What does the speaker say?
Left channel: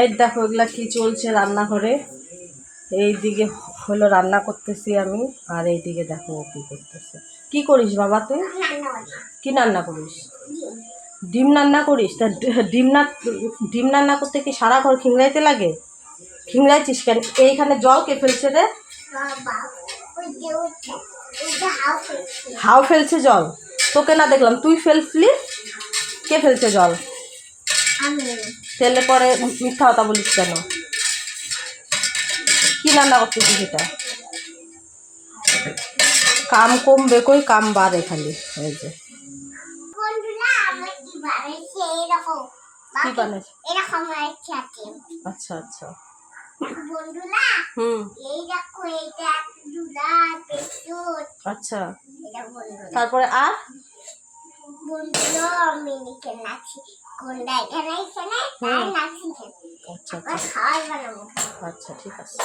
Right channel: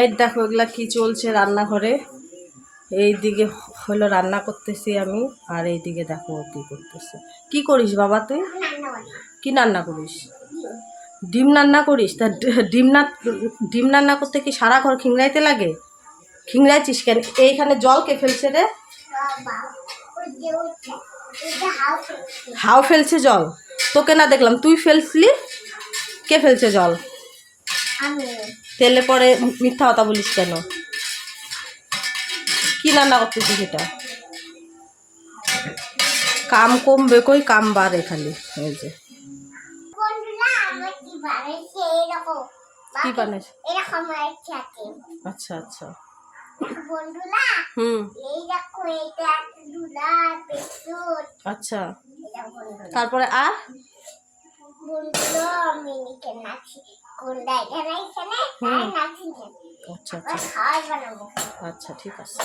এই দেখো এগুলা কি চলছে রান্নাঘরে। এইদিকে হলো রান্না করতেছি আমি, আর এইদিকে দেখো ও কি করতেছে। কি করিস বাবা তুই? কি রান্না করিস? ডিম রান্না করিস? তা ডিম রান্না করতে কি সারা ঘর খিংড়াইতে লাগে? খিংড়াইছিস কেন? এইখানে জল কে ফেলছে রে? হাও ফেলছে জল? তোকে না দেখলাম, তুই ফেলছিলি। কে ফেলছে জল? ফেলে পরে মিথ্যা কথা বলিস কেন? কি রান্না করতেছিস এটা? কাম কমবে কই, কাম বাড়ে খালি। এই যে কি বানাইছ? আচ্ছা আচ্ছা। আচ্ছা, তারপরে আর আচ্ছা আচ্ছা আচ্ছা, ঠিক আছে।